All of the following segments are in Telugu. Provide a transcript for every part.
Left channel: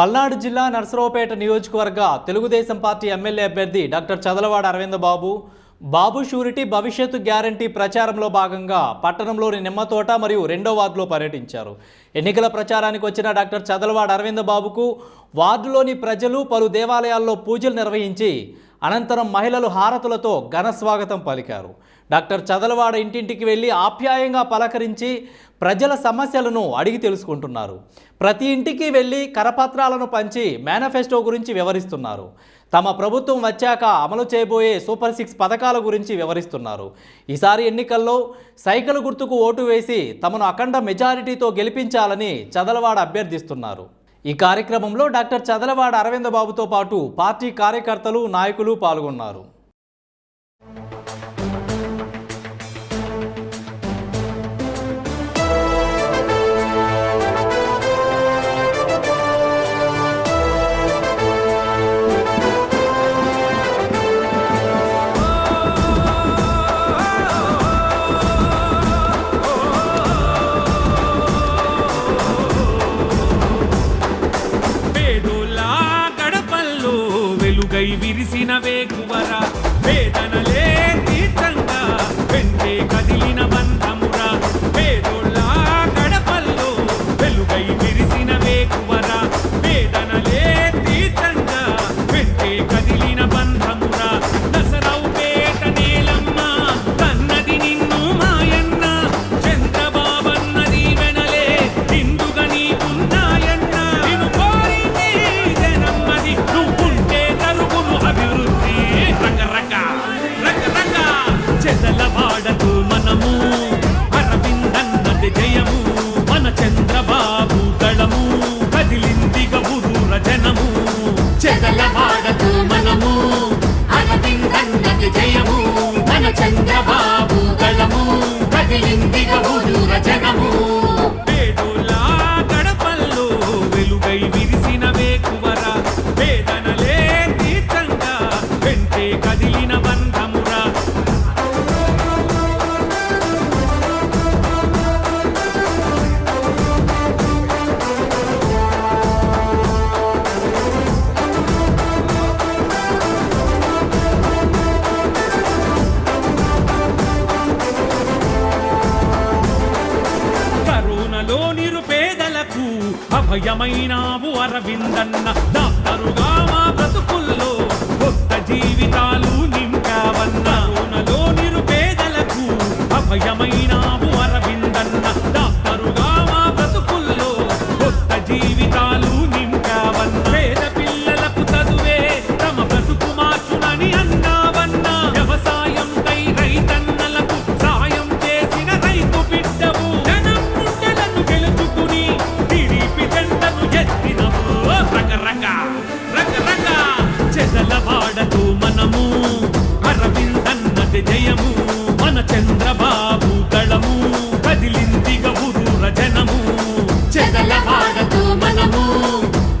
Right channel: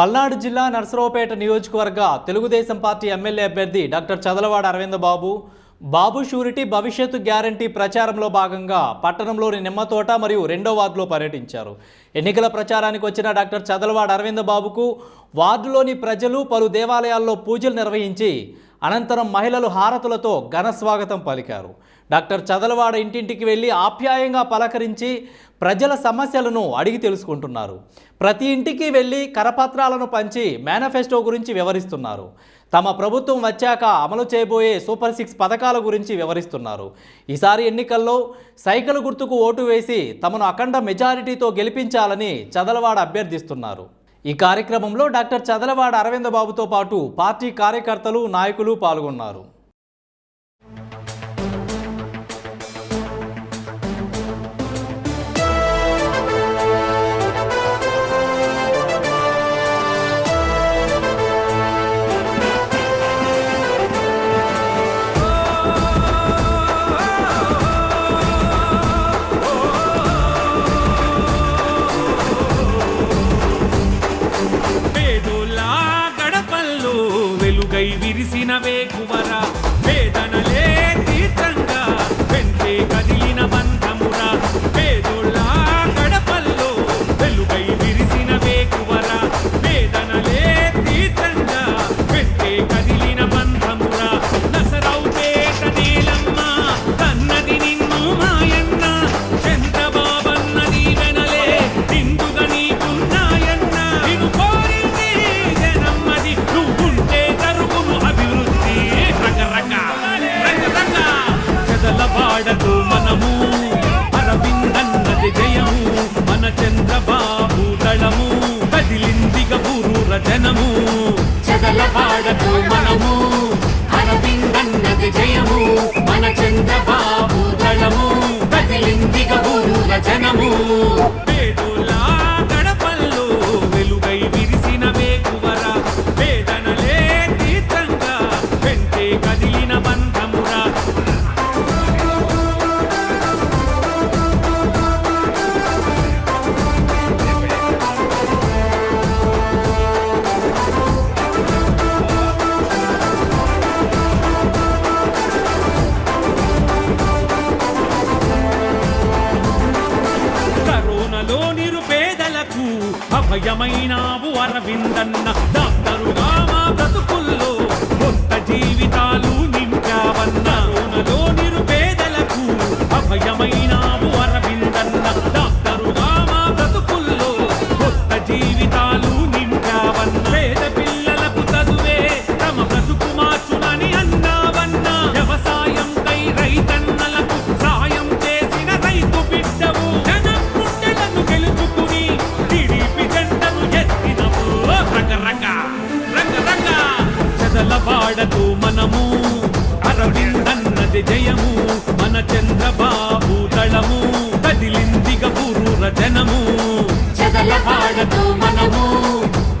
పల్నాడు జిల్లా నర్సరావుపేట నియోజకవర్గ తెలుగుదేశం పార్టీ ఎమ్మెల్యే అభ్యర్థి డాక్టర్ చదలవాడ అరవింద బాబు బాబు షూరిటీ భవిష్యత్తు గ్యారంటీ ప్రచారంలో భాగంగా పట్టణంలోని నిమ్మతోట మరియు రెండో వార్డులో పర్యటించారు. ఎన్నికల ప్రచారానికి వచ్చిన డాక్టర్ చదలవాడ అరవింద బాబుకు వార్డులోని ప్రజలు పలు దేవాలయాల్లో పూజలు నిర్వహించి అనంతరం మహిళలు హారతులతో ఘన స్వాగతం పలికారు. డాక్టర్ చదలవాడ ఇంటింటికి వెళ్ళి ఆప్యాయంగా పలకరించి ప్రజల సమస్యలను అడిగి తెలుసుకుంటున్నారు. ప్రతి ఇంటికి వెళ్ళి కరపత్రాలను పంచి మేనిఫెస్టో గురించి వివరిస్తున్నారు. తమ ప్రభుత్వం వచ్చాక అమలు చేయబోయే సూపర్ సిక్స్ పథకాల గురించి వివరిస్తున్నారు. ఈసారి ఎన్నికల్లో సైకిల్ గుర్తుకు ఓటు వేసి తమను అఖండ మెజారిటీతో గెలిపించాలని చదలవాడ అభ్యర్థిస్తున్నారు. ఈ కార్యక్రమంలో డాక్టర్ చదలవాడ అరవింద బాబుతో పాటు పార్టీ కార్యకర్తలు నాయకులు పాల్గొన్నారు. వెలుగై విరిసిన వేకువరా వేదనలే తీర్థంగా వెంటే కదిలిన బంధమురా. అభయమైనావు అరవిందన్న. డాక్టరుగా మా బ్రతుకుల్లో కొత్త జీవితాలు నింపావన్న. కరోనాలో నిరుపేదలకు అభయమైనావు అరవిందన్న. డాక్టరుగా మా బ్రతుకుల్లో కొత్త జీవితాలు చెదల వాడదు మనము. అరవిందన్నది జయము మన చంద్రబాబు దళము. కదిలిందిగ ఊరూర జనము. చెదలవాడతో మనము.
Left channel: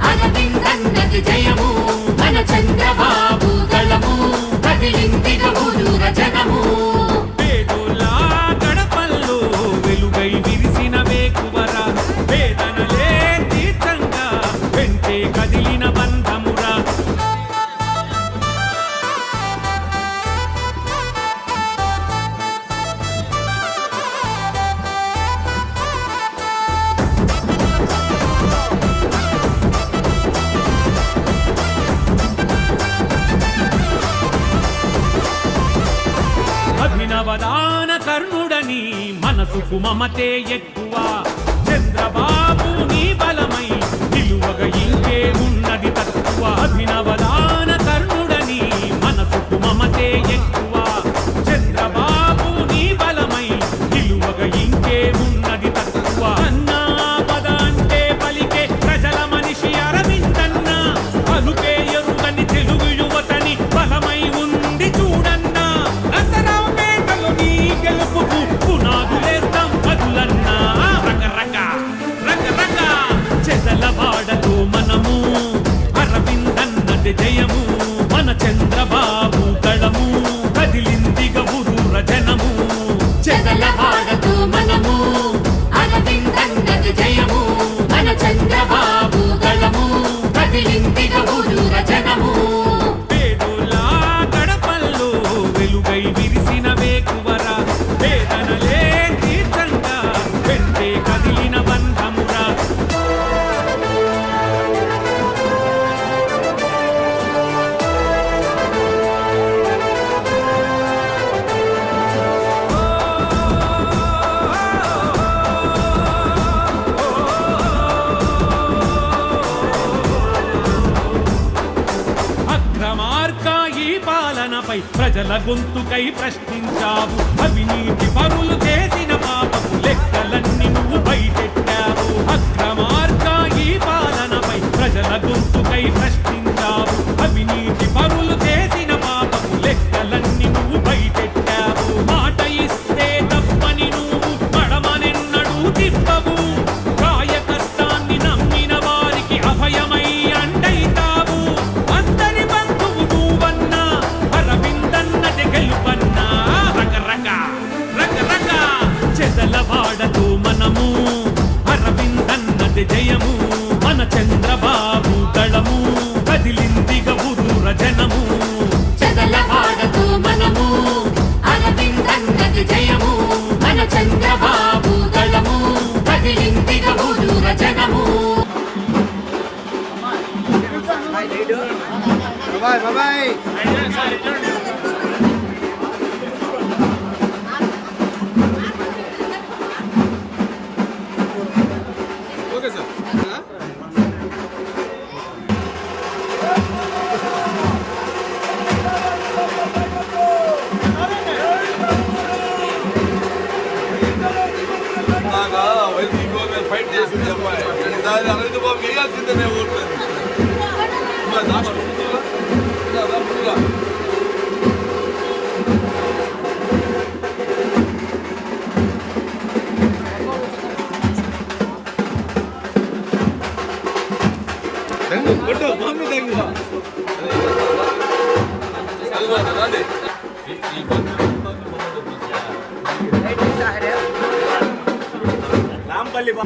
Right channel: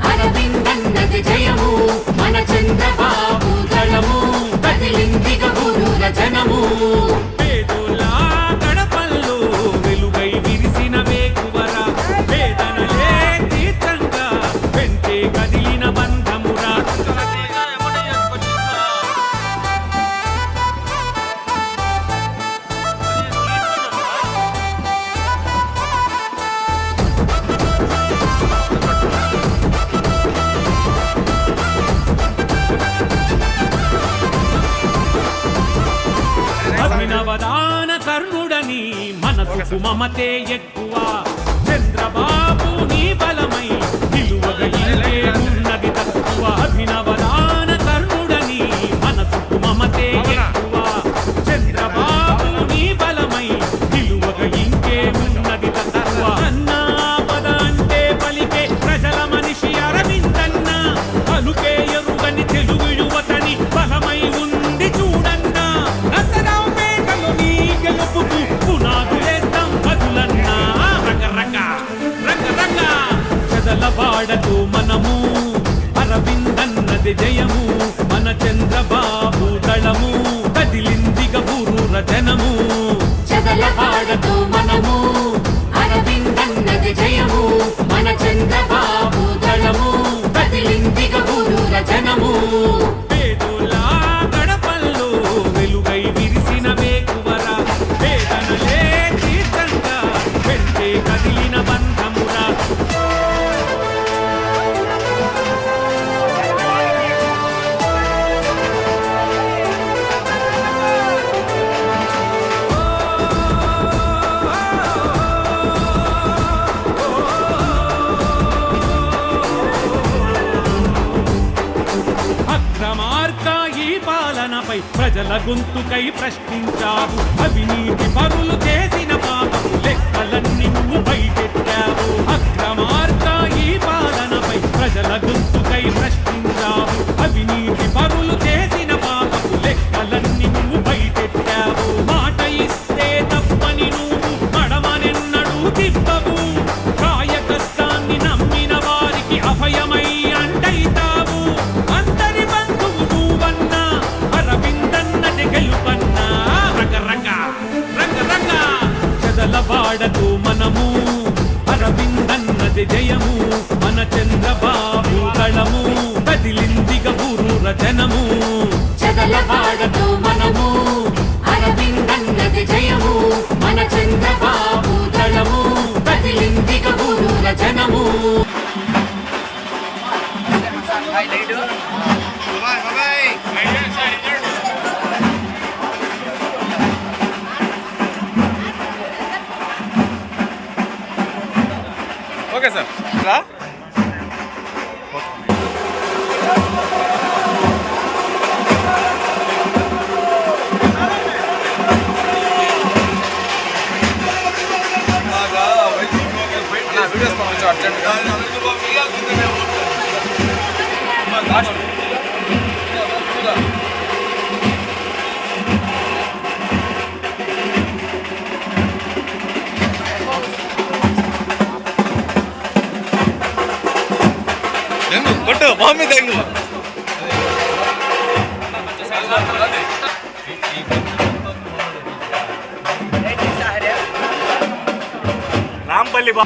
అరవిందన్నది జయము మన చంద్రబాబు దళము. కదిలిందిగ ఊరూర జనము. పేదోళ్ళ గడపల్లో వెలుగై విరిసిన వేకువర వేదనలే తీర్థంగా వెంటే కదిలిన బంధమురా. అభినవదాన కర్ణుడని మనసుకు మమతే ఎక్కువ. చంద్రబాబు నీ బలమై 不不不！వెంటే కదిలిన బంధమురా. పాలనపై ప్రజల గొంతుకై ప్రశ్నించావు. అవినీతి పరులు చేసి లెక్కలన్నీ నువ్వు బయటెట్టావు. అక్రమార్క ఈ పాలనపై ప్రజల గొంతుకై ప్రశ్నించావు. అవినీతి పరులు చేసిన పాపపు లెక్కలన్నీ నువ్వు బయటెట్టావు. আমরা ಕೊಟ್ಟು ಬಾಂಬಿ ತೆಂಗು. ರಾಮಪಲ್ಲಿ ಬಾ.